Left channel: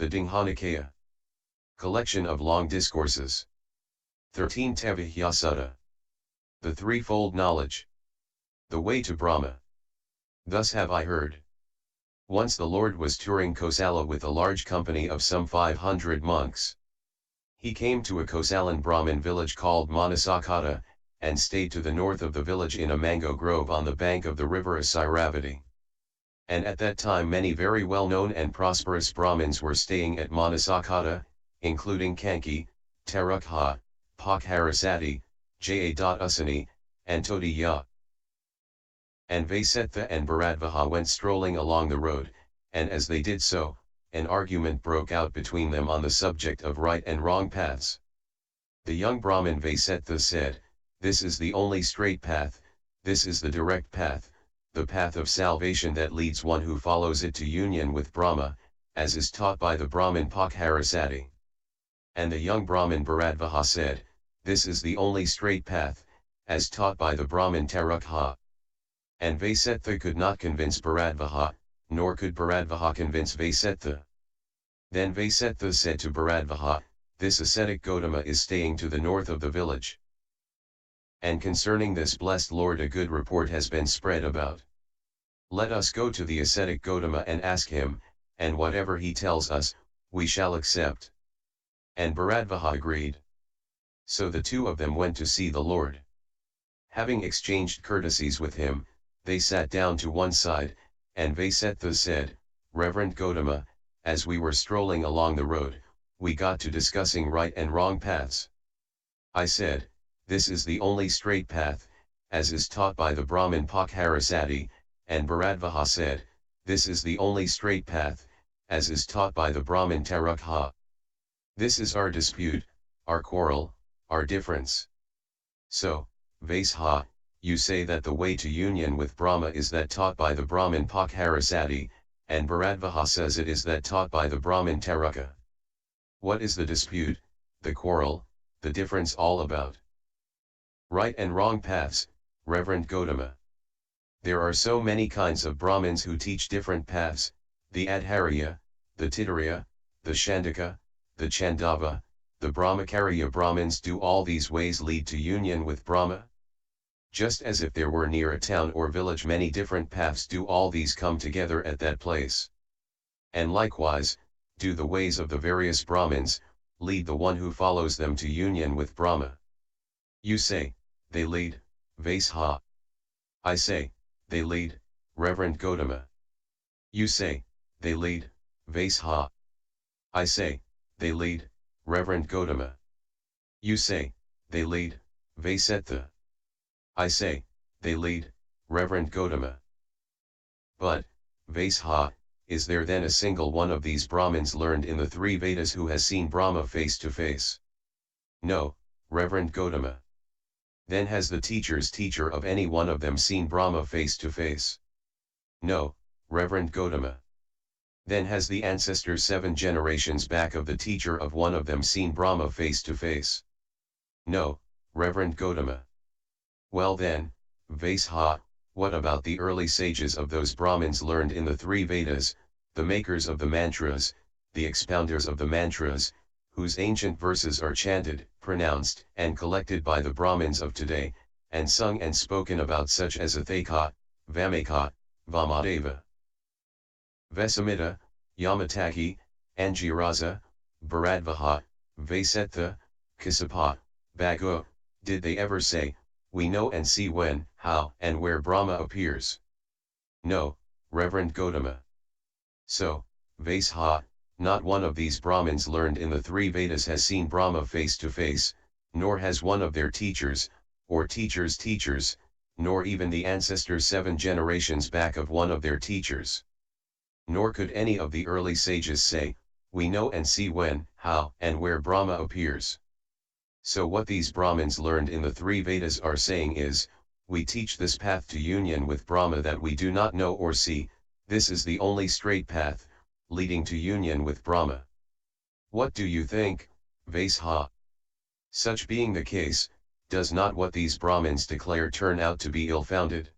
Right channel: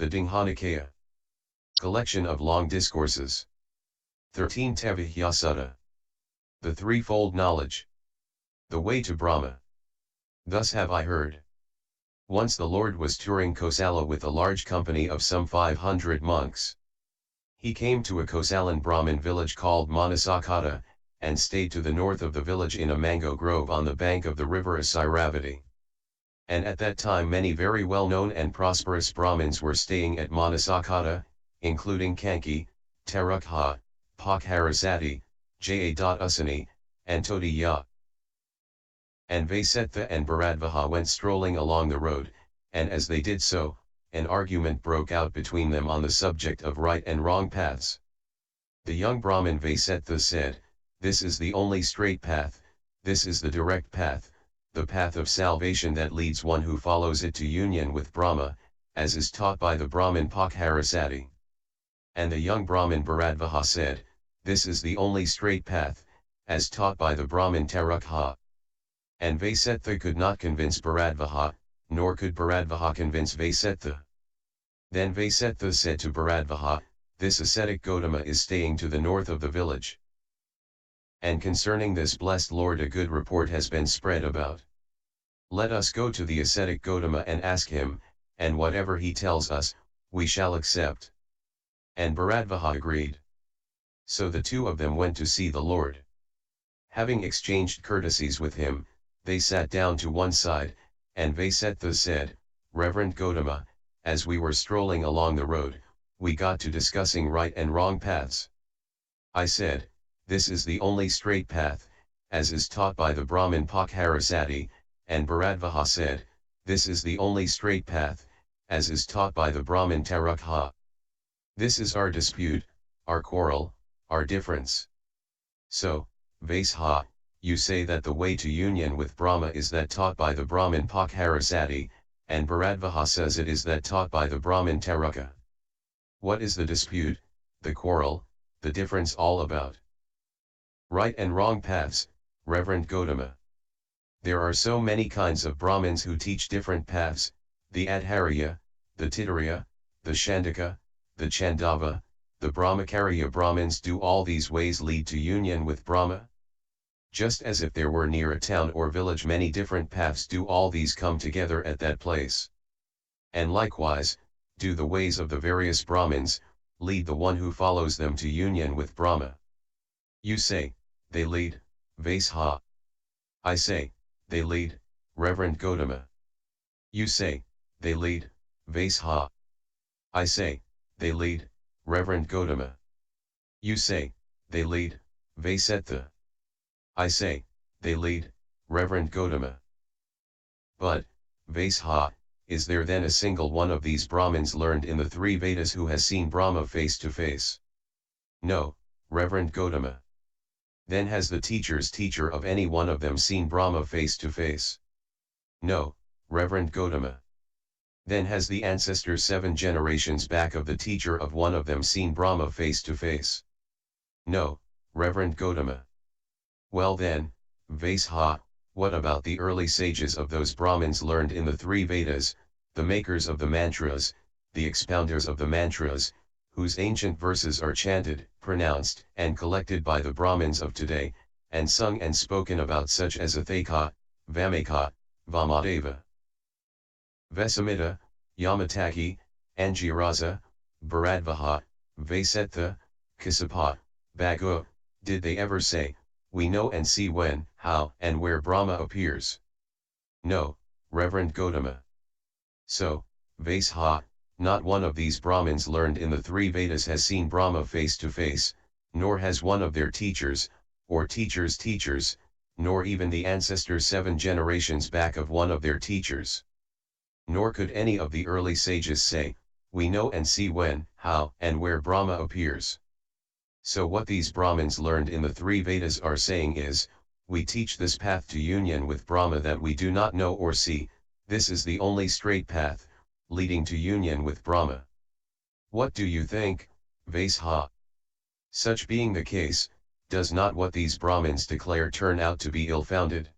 The Digha Nikaya. Collection of Long Discourses. 13 Tevijja Sutta. The Threefold Knowledge. The Way to Brahma. Thus have I heard. Once the Lord was touring Kosala with a large company of some 500 monks. He came to a Kosalan Brahmin village called Manasakata, and stayed to the north of the village in a mango grove on the bank of the river Theravada. And at that time many very well-known and prosperous Brahmins were staying at Manasakata, including Kanki, Tarukha, Pakharasati, Jayadusani, and Todiyya. And Vasetha and Bharadvaha went strolling along the road, and as they did so, an argument broke out between them on the subject of right and wrong paths. The young Brahmin Vasetha said, "This is the only straight path, this is the direct path, the path of salvation that leads one who follows it to union with Brahma, as is taught by the Brahmin Pakharasati." And the young Brahmin Bharadvaha said, "This is the only straight path, as taught by the Brahmin Tarukha." And Vasetha could not convince Bharadvaha, nor could Bharadvaha convince Vasetha. Then Vasetha said to Bharadvaha, "This ascetic Gotama is staying to the north of the village. And concerning this blessed Lord a good report has been spread about. Let us go to the ascetic Gotama and ask him, and whatever he tells us, we shall accept." And Bharadvaha agreed. So the two of them went to see the Lord. Having exchanged courtesies with him, they sat down to one side, and Vasetha said, "Reverend Gotama, as we were strolling along the road, we got to discussing right and wrong paths. I said, 'This is the only straight path, as is taught by the Brahmin Pakharasati,' and Bharadvaha said, 'This is the only straight path, as is taught by the Brahmin Tarukha. This is our dispute, our quarrel, our difference. So, Vaseha, you say that the way to union with Brahma is that taught by the Brahmin Pakharasati, and Bharadvaha says it is that taught by the Brahmin Tarukha. What is the dispute, the quarrel, the difference all about?" Right and wrong paths, Reverend Gotama. There are so many kinds of Brahmins who teach different paths, the Adharya, the Titariya, the Shandaka, the Chandava, the Brahmacharya Brahmins. Do all these ways lead to union with Brahma? Just as if there were near a town or village many different paths, do all these come together at that place? And likewise, do the ways of the various Brahmins lead the one who follows them to union with Brahma? You say, they lead, Vaseha. I say, they lead, Reverend Gotama. You say, they lead, Vaseha. I say, they lead, Reverend Gotama. You say, they lead, Vasetha. I say, they lead, Reverend Gotama. But, Vaseha, is there then a single one of these Brahmins learned in the three Vedas who has seen Brahma face to face? No, Reverend Gotama. Then has the teacher's teacher of any one of them seen Brahma face to face? No, Reverend Gotama. Then has the ancestors 7 generations back of the teacher of one of them seen Brahma face to face? No, Reverend Gotama. Well then, Vaseha, what about the early sages of those Brahmins learned in the three Vedas, the makers of the mantras, the expounders of the mantras, whose ancient verses are chanted, pronounced, and collected by the Brahmins of today, and sung and spoken about, such as Athaka, Vamaka, Vamadeva, Vesamita, Yamataki, Angirasa, Bharadvaha, Vasetha, Kasapa, Bhagu? Did they ever say, "We know and see when, how, and where Brahma appears"? No, Reverend Gotama. So, Vaseha, not one of these Brahmins learned in the three Vedas has seen Brahma face to face, nor has one of their teachers, or teachers' teachers, nor even the ancestors 7 generations back of one of their teachers. Nor could any of the early sages say, "We know and see when, how, and where Brahma appears." So what these Brahmins learned in the three Vedas are saying is, we teach this path to union with Brahma that we do not know or see, this is the only straight path, leading to union with Brahma. What do you think, Vaseha? Such being the case, does not what these Brahmins declare turn out to be ill-founded?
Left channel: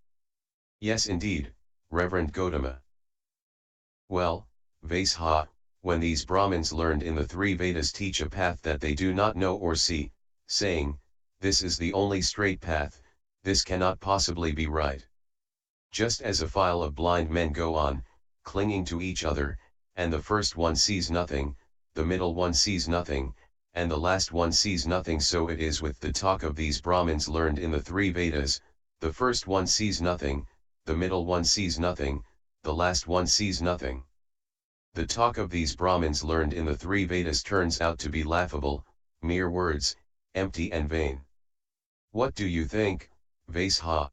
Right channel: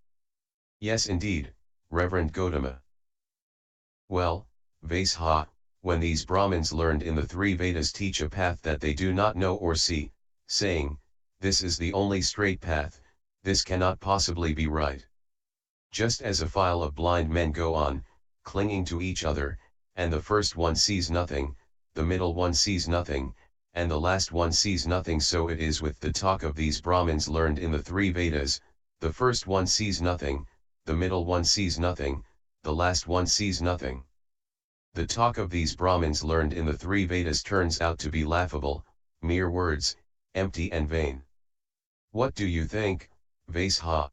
Yes indeed, Reverend Gotama. Well, Vaseha, When these Brahmins learned in the three Vedas teach a path that they do not know or see, saying, this is the only straight path, this cannot possibly be right. Just as a file of blind men go on, clinging to each other, and the first one sees nothing, the middle one sees nothing, and the last one sees nothing, so it is with the talk of these Brahmins learned in the three Vedas, the first one sees nothing, the middle one sees nothing, the last one sees nothing. The talk of these Brahmins learned in the three Vedas turns out to be laughable, mere words, empty and vain. What do you think, Vaisha?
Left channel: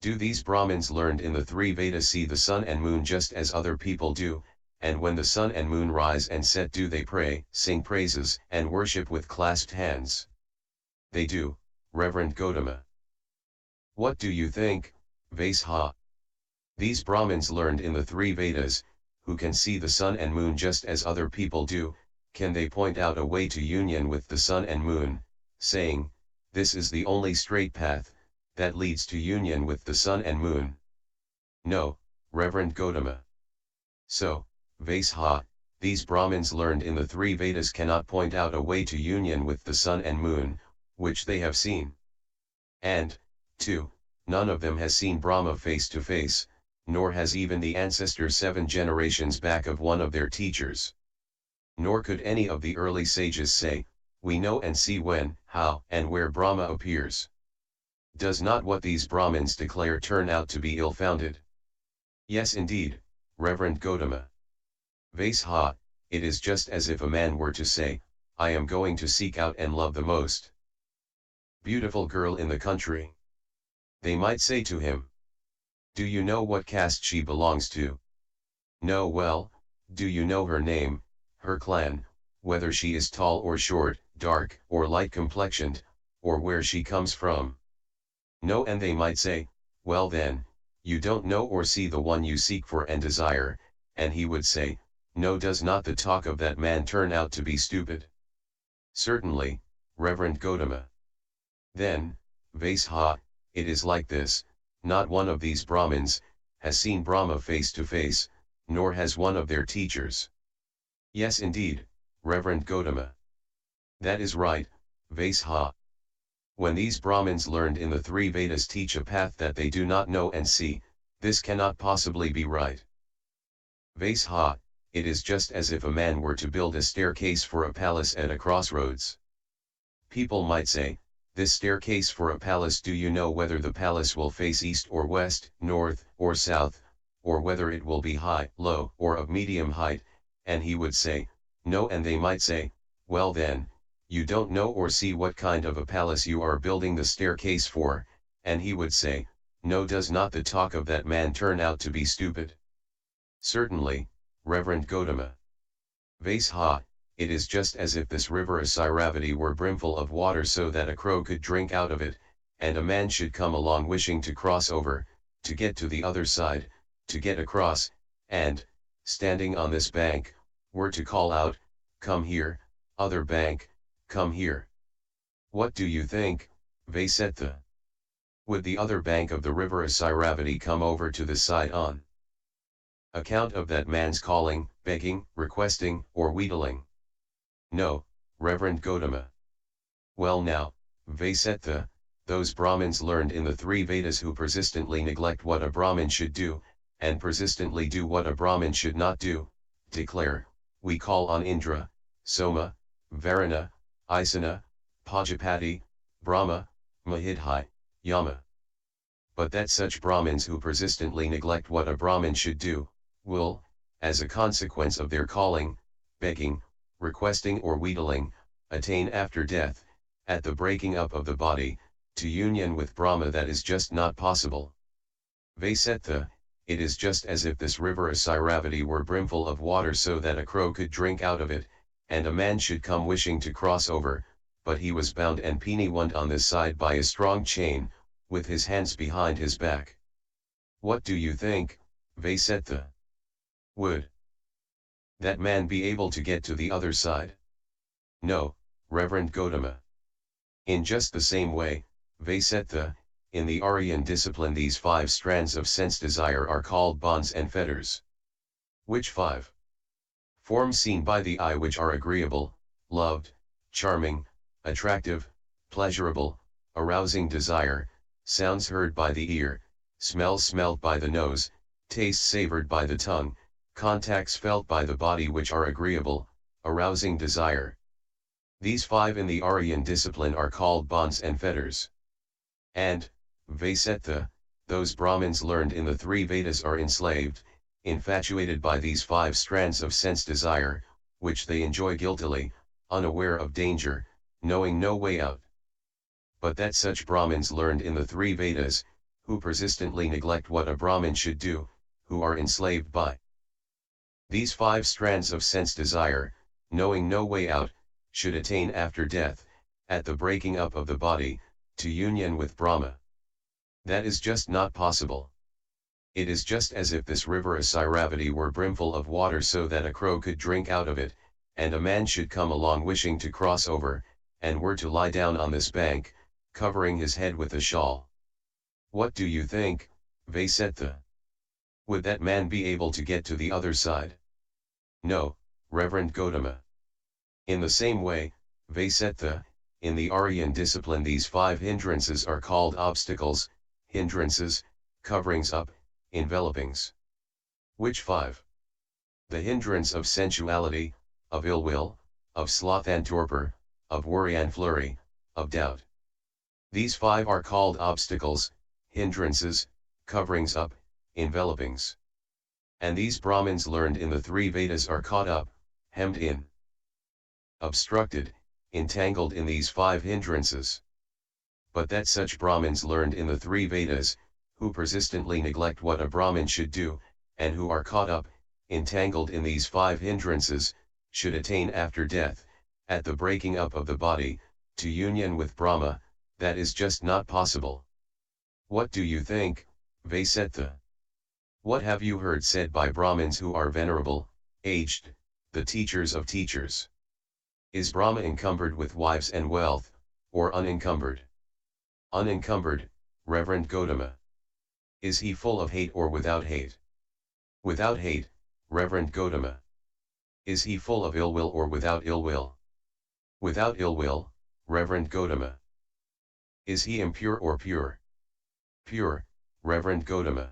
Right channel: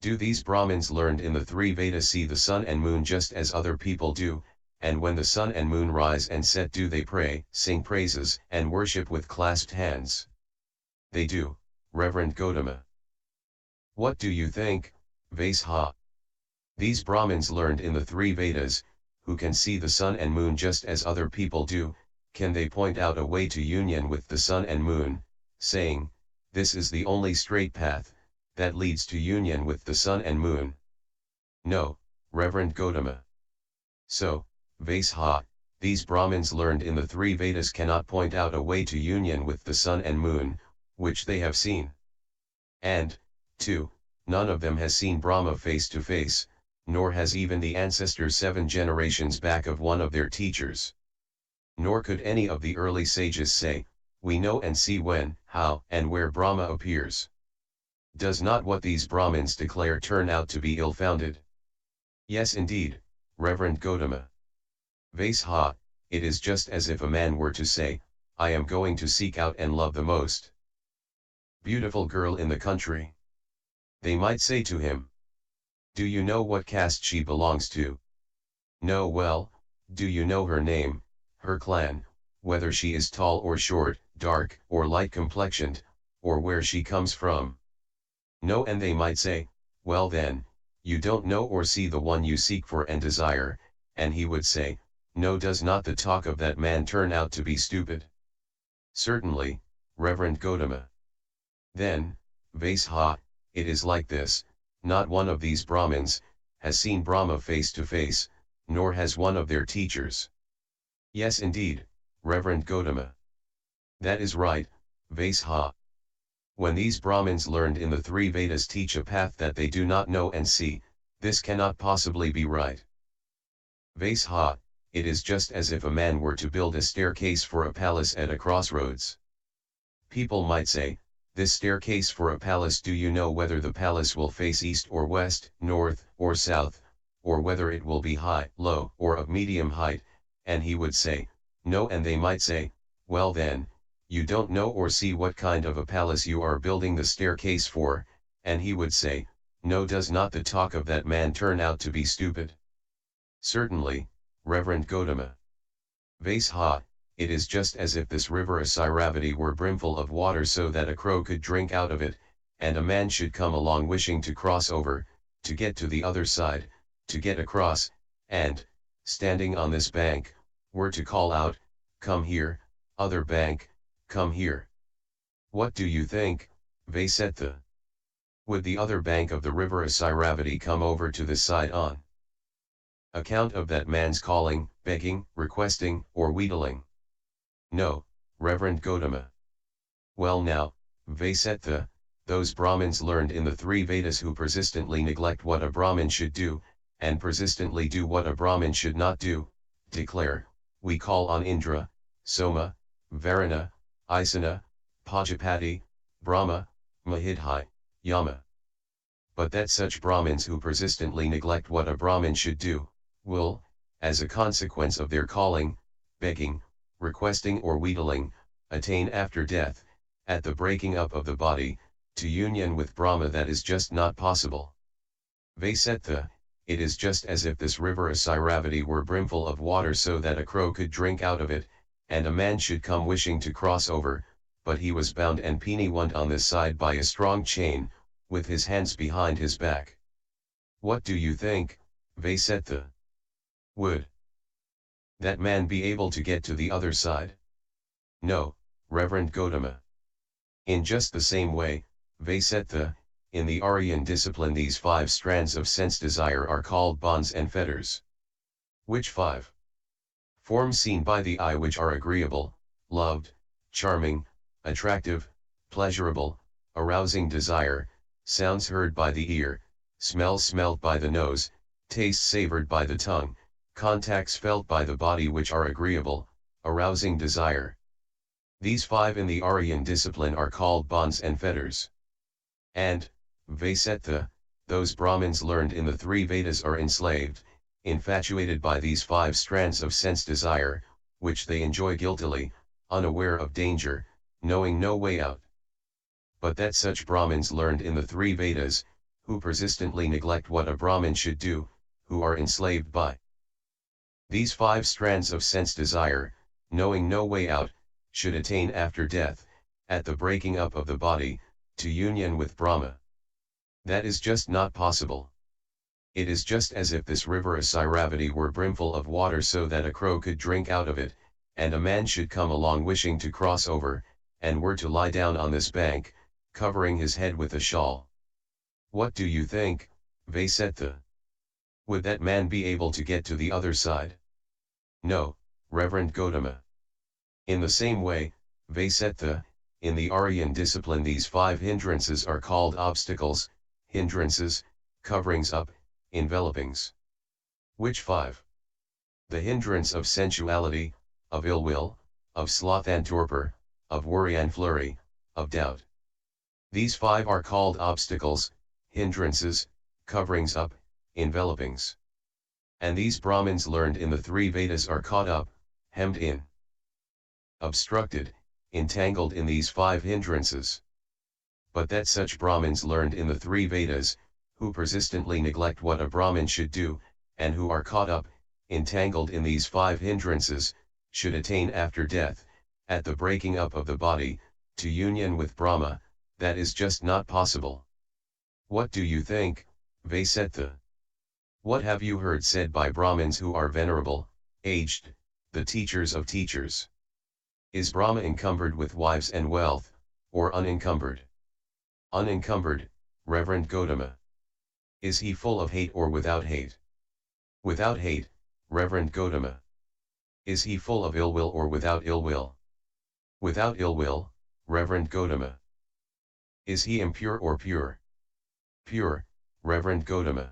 Do these Brahmins learned in the three Vedas see the sun and moon just as other people do, and when the sun and moon rise and set do they pray, sing praises, and worship with clasped hands? They do, Reverend Gautama. What do you think, Vaisha? These Brahmins learned in the three Vedas, who can see the sun and moon just as other people do, can they point out a way to union with the sun and moon, saying, this is the only straight path, that leads to union with the sun and moon? No, Reverend Gautama. So, Vaisha, these Brahmins learned in the three Vedas cannot point out a way to union with the sun and moon, which they have seen. And, 2, none of them has seen Brahma face to face, nor has even the ancestors 7 generations back of one of their teachers. Nor could any of the early sages say, we know and see when, how, and where Brahma appears. Does not what these Brahmins declare turn out to be ill-founded? Yes indeed, Reverend Gautama. Vaisha, it is just as if a man were to say, I am going to seek out and love the most beautiful girl in the country. They might say to him, do you know what caste she belongs to? No. Well, do you know her name, her clan, whether she is tall or short, dark or light complexioned, or where she comes from? No. And they might say, well then, you don't know or see the one you seek for and desire, and he would say, no. Does not the talk of that man turn out to be stupid? Certainly, Reverend Gautama. Then, Vaisha, it is like this, not one of these Brahmins has seen Brahma face to face, nor has one of their teachers. Yes indeed, Reverend Gautama. That is right, Vaisha. When these Brahmins learned in the three Vedas teach a path that they do not know and see, this cannot possibly be right. Vaisha, it is just as if a man were to build a staircase for a palace at a crossroads. People might say, this staircase for a palace, do you know whether the palace will face east or west, north or south, or whether it will be high, low, or of medium height? And he would say, no. And they might say, well then, you don't know or see what kind of a palace you are building the staircase for, and he would say, no. Does not the talk of that man turn out to be stupid? Certainly, Reverend Gautama. Vaisha, it is just as if this river Sigalovada were brimful of water so that a crow could drink out of it, and a man should come along wishing to cross over, to get to the other side, to get across, and, standing on this bank, were to call out, come here, other bank, come here. What do you think, Vaisetta? Would the other bank of the river Sigalovada come over to this side on account of that man's calling, begging, requesting, or wheedling? No, Reverend Gautama. Well now, Vaisetta, those Brahmins learned in the three Vedas who persistently neglect what a Brahmin should do, and persistently do what a Brahmin should not do, declare, we call on Indra, Soma, Varuna, Isana, Pājapati, Brahma, Mahidhi, Yama. But that such Brahmins who persistently neglect what a Brahmin should do, will, as a consequence of their calling, begging, requesting or wheedling, attain after death, at the breaking up of the body, to union with Brahma that is just not possible. Vaisetta, it is just as if this river Sigalovada were brimful of water so that a crow could drink out of it, and a man should come wishing to cross over, but he was bound and piniwound on this side by a strong chain, with his hands behind his back. What do you think, Vaisetta? Would that man be able to get to the other side? No, Reverend Gautama. In just the same way, Vaisetta, in the Aryan discipline these 5 strands of sense desire are called bonds and fetters. Which 5? Forms seen by the eye which are agreeable, loved, charming, attractive, pleasurable, arousing desire, sounds heard by the ear, smells smelled by the nose, tastes savored by the tongue, contacts felt by the body which are agreeable, arousing desire. These 5 in the Aryan discipline are called bonds and fetters. And, Vaisetta, those Brahmins learned in the 3 Vedas are enslaved, infatuated by these 5 strands of sense desire, which they enjoy guiltily, unaware of danger, knowing no way out. But that such Brahmins learned in the 3 Vedas, who persistently neglect what a Brahmin should do, who are enslaved by these 5 strands of sense desire, knowing no way out, should attain after death, at the breaking up of the body, to union with Brahma. That is just not possible. It is just as if this river Asiravati were brimful of water so that a crow could drink out of it, and a man should come along wishing to cross over, and were to lie down on this bank, covering his head with a shawl. What do you think, Vaisetta? Would that man be able to get to the other side? No, Reverend Gotama. In the same way, Vaisetta, in the Aryan discipline these 5 hindrances are called obstacles, hindrances, coverings up, envelopings. Which 5? The hindrance of sensuality, of ill will, of sloth and torpor, of worry and flurry, of doubt. These 5 are called obstacles, hindrances, coverings up, envelopings. And these Brahmins learned in the 3 Vedas are caught up, hemmed in, obstructed, entangled in these 5 hindrances. But that such Brahmins learned in the 3 Vedas, who persistently neglect what a Brahmin should do, and who are caught up, entangled in these 5 hindrances, should attain after death, at the breaking up of the body, to union with Brahma, that is just not possible. What do you think, Vaisetta? What have you heard said by Brahmins who are venerable, aged, the teachers of teachers? Is Brahma encumbered with wives and wealth, or unencumbered? Unencumbered, Reverend Gotama. Is he full of hate or without hate? Without hate, Reverend Gotama. Is he full of ill will or without ill will? Without ill will, Reverend Gotama. Is he impure or pure? Pure, Reverend Gotama.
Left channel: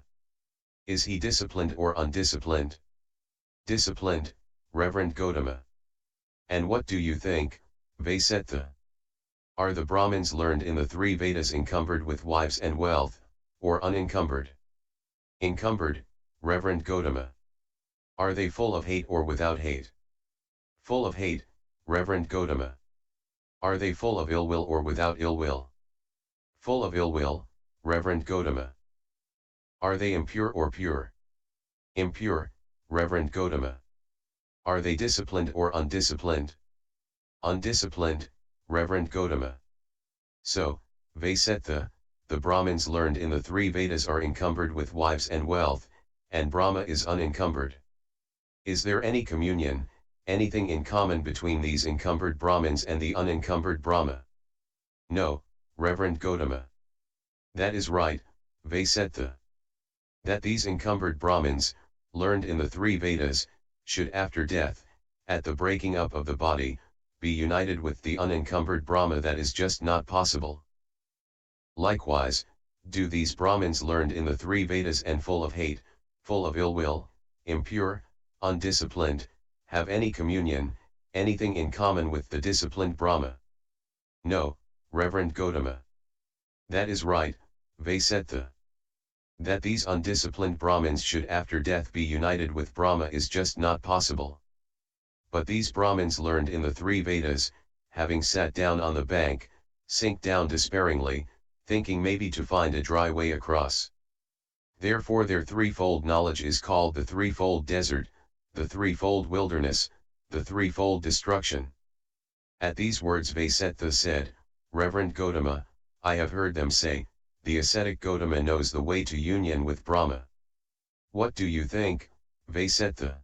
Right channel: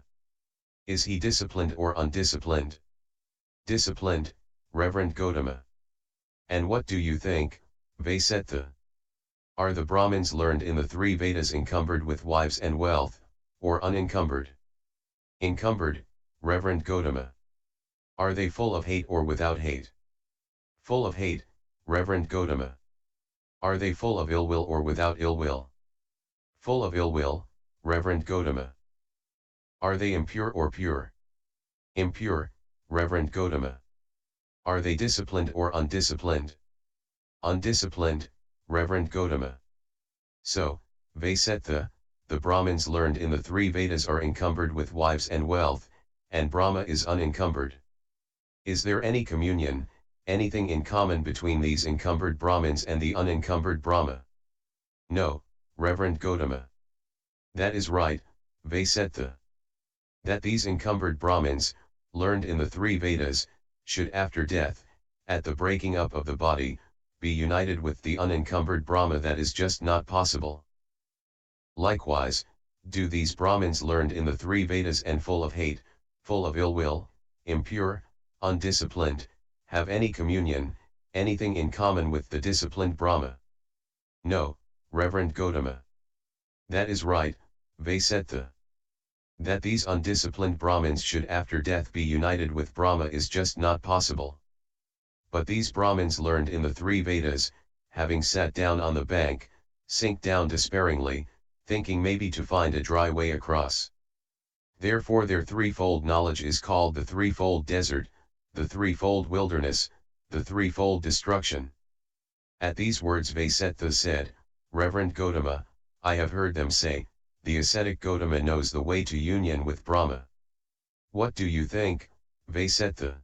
Is he disciplined or undisciplined? Disciplined, Reverend Gotama. And what do you think, Vaisetta? Are the Brahmins learned in the 3 Vedas encumbered with wives and wealth, or unencumbered? Encumbered, Reverend Gotama. Are they full of hate or without hate? Full of hate, Reverend Gotama. Are they full of ill will or without ill will? Full of ill will, Reverend Gotama. Are they impure or pure? Impure, Reverend Gotama. Are they disciplined or undisciplined? Undisciplined, Reverend Gotama. So, Vaisetta, the Brahmins learned in the 3 Vedas are encumbered with wives and wealth, and Brahma is unencumbered. Is there any communion, anything in common between these encumbered Brahmins and the unencumbered Brahma? No, Reverend Gotama. That is right, Vaisetta. That these encumbered Brahmins, learned in the 3 Vedas, should after death, at the breaking up of the body, be united with the unencumbered Brahma, that is just not possible. Likewise, do these Brahmins learned in the 3 Vedas and full of hate, full of ill will, impure, undisciplined, have any communion, anything in common with the disciplined Brahma? No, Reverend Gotama. That is right, Vaisetta. That these undisciplined Brahmins should after death be united with Brahma is just not possible. But these Brahmins learned in the 3 Vedas, having sat down on the bank, sink down despairingly, thinking maybe to find a dry way across. Therefore their threefold knowledge is called the threefold desert, the threefold wilderness, the threefold destruction. At these words Vaisetta said, Reverend Gotama, I have heard them say, the ascetic Gotama knows the way to union with Brahma. What do you think, Vaisetta?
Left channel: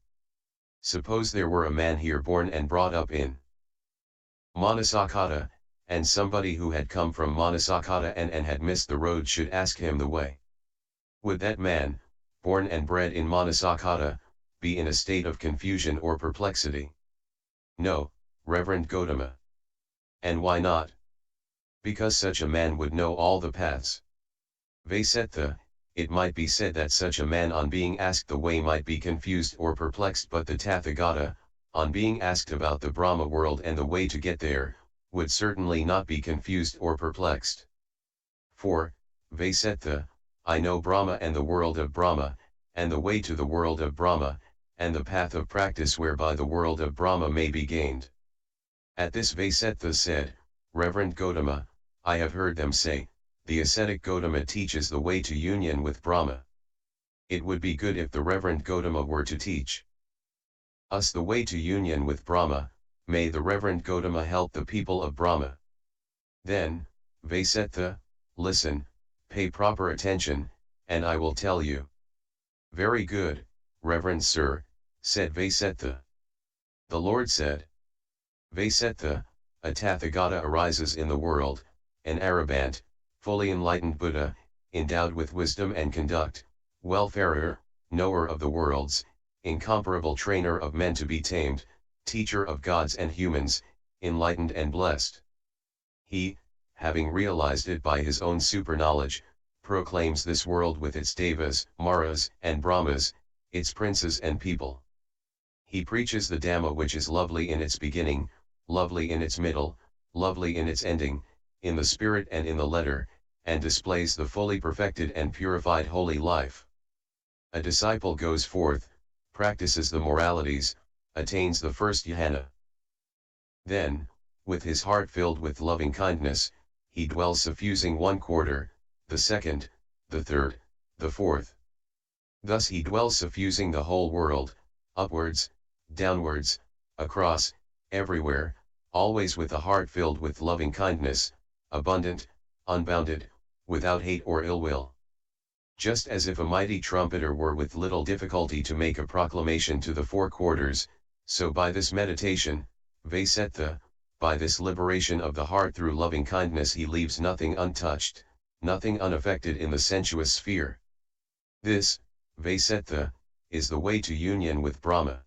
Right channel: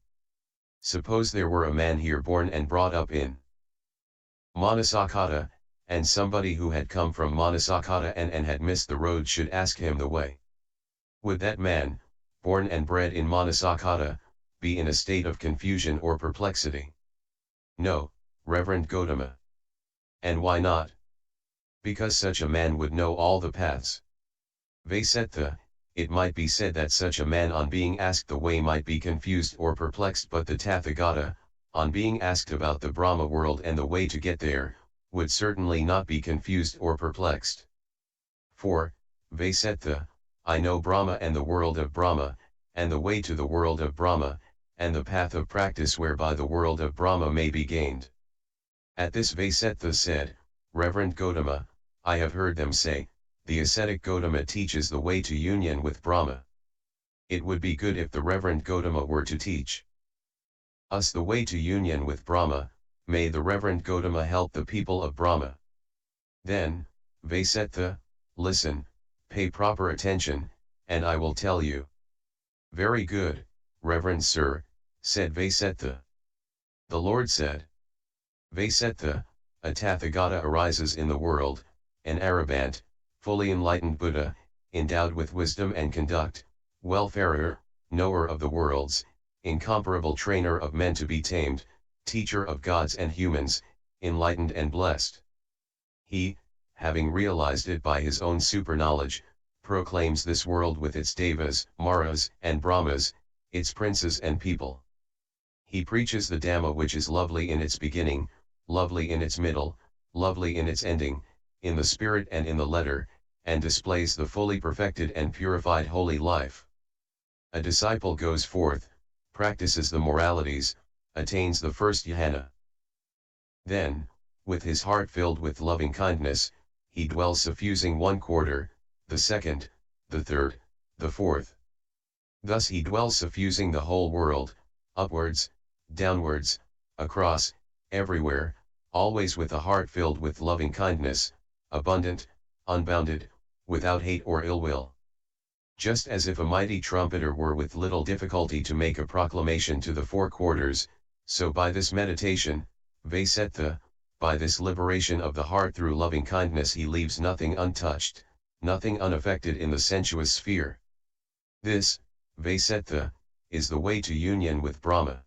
Suppose there were a man here born and brought up in Manasakata, and somebody who had come from Manasakata and had missed the road should ask him the way. Would that man, born and bred in Manasakata, be in a state of confusion or perplexity. No, Reverend Gautama. And why not? Because such a man would know all the paths. Vaisetta, it might be said that such a man on being asked the way might be confused or perplexed, but the Tathagata, on being asked about the Brahma world and the way to get there, would certainly not be confused or perplexed. For, Vaisetta, I know Brahma and the world of Brahma, and the way to the world of Brahma, and the path of practice whereby the world of Brahma may be gained. At this Vaisetta said, Reverend Gautama, I have heard them say, the ascetic Gautama teaches the way to union with Brahma. It would be good if the Reverend Gautama were to teach us the way to union with Brahma. May the Reverend Gautama help the people of Brahma. Then, Vaisetta, listen, pay proper attention, and I will tell you. Very good, Reverend Sir, said Vaisetta. The Lord said, Vaisetta, a Tathagata arises in the world, an Arahant, fully enlightened Buddha, endowed with wisdom and conduct, welfarer, knower of the worlds, incomparable trainer of men to be tamed, teacher of gods and humans, enlightened and blessed. He, having realized it by his own superknowledge, proclaims this world with its devas, maras, and brahmas, its princes and people. He preaches the Dhamma which is lovely in its beginning, lovely in its middle, lovely in its ending, in the spirit and in the letter, and displays the fully perfected and purified holy life. A disciple goes forth, practices the moralities, attains the first jhana. Then, with his heart filled with loving kindness, he dwells suffusing one quarter, the second, the third, the fourth. Thus he dwells suffusing the whole world, upwards, downwards, across, everywhere, always with a heart filled with loving kindness, abundant, unbounded, without hate or ill will. Just as if a mighty trumpeter were with little difficulty to make a proclamation to the four quarters, so by this meditation, Vaisetta, by this liberation of the heart through loving kindness, he leaves nothing untouched, nothing unaffected in the sensuous sphere. This, Vaisetta, is the way to union with Brahma.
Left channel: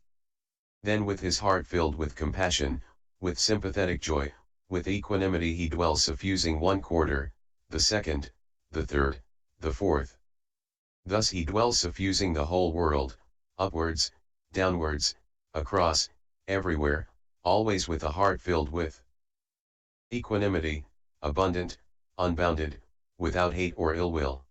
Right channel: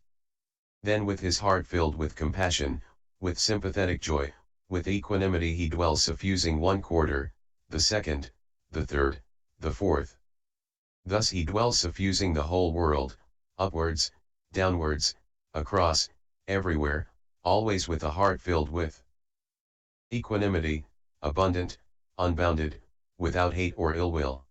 Then with his heart filled with compassion, with sympathetic joy, with equanimity he dwells suffusing one quarter, the second, the third, the fourth. Thus he dwells suffusing the whole world, upwards, downwards, across, everywhere, always with a heart filled with equanimity, abundant, unbounded, without hate or ill will.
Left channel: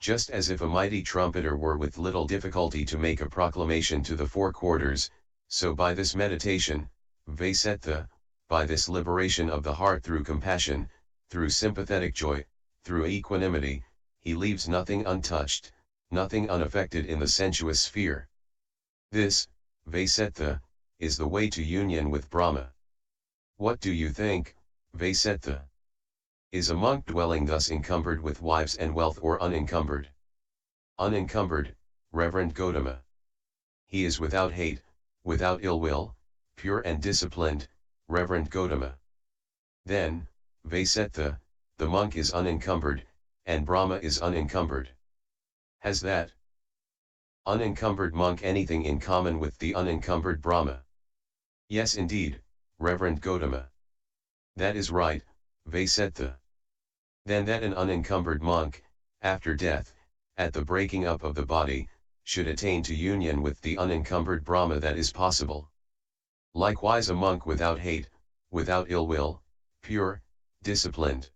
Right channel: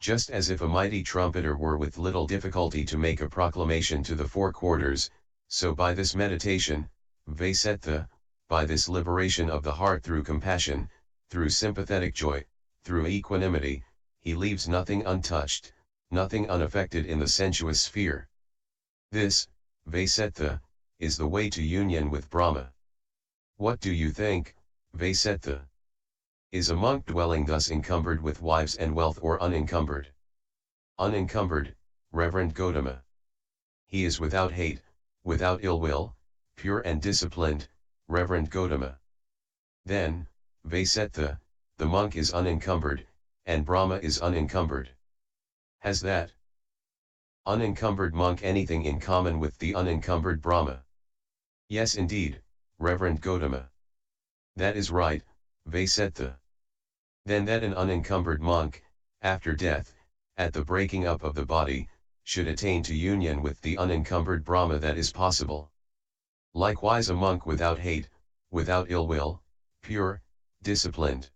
Just as if a mighty trumpeter were with little difficulty to make a proclamation to the four quarters, so by this meditation, Vaisetta, by this liberation of the heart through compassion, through sympathetic joy, through equanimity, he leaves nothing untouched, nothing unaffected in the sensuous sphere. This, Vaisetta, is the way to union with Brahma. What do you think, Vaisetta? Is a monk dwelling thus encumbered with wives and wealth or unencumbered? Unencumbered, Reverend Gautama. He is without hate, without ill will, pure and disciplined, Reverend Gautama. Then, Vaisetta, the monk is unencumbered, and Brahma is unencumbered. Has that unencumbered monk anything in common with the unencumbered Brahma? Yes indeed, Reverend Gautama. That is right, Vaisetta. Then that an unencumbered monk, after death, at the breaking up of the body, should attain to union with the unencumbered Brahma, that is possible. Likewise a monk without hate, without ill will, pure, disciplined.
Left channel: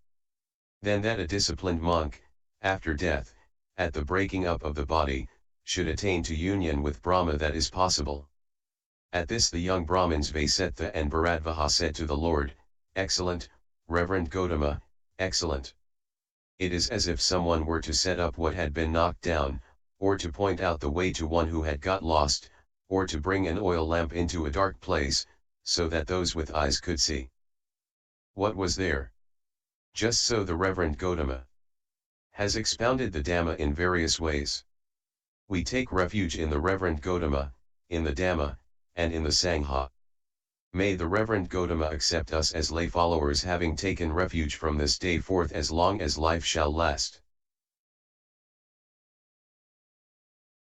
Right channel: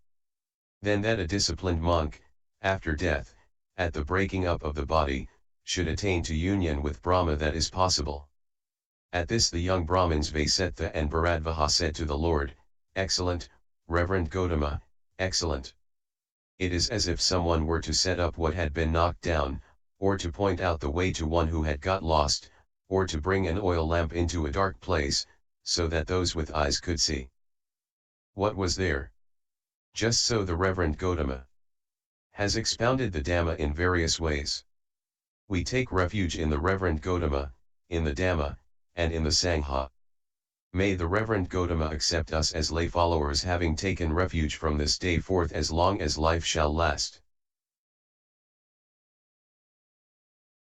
Then that a disciplined monk, after death, at the breaking up of the body, should attain to union with Brahma, that is possible. At this the young Brahmins Vaisetta and Bharadvaja said to the Lord, Excellent, Reverend Gautama, excellent. It is as if someone were to set up what had been knocked down, or to point out the way to one who had got lost, or to bring an oil lamp into a dark place, so that those with eyes could see. What was there? Just so the Reverend Gautama has expounded the Dhamma in various ways. We take refuge in the Reverend Gautama, in the Dhamma, and in the Sangha. May the Reverend Gautama accept us as lay followers, having taken refuge from this day forth as long as life shall last.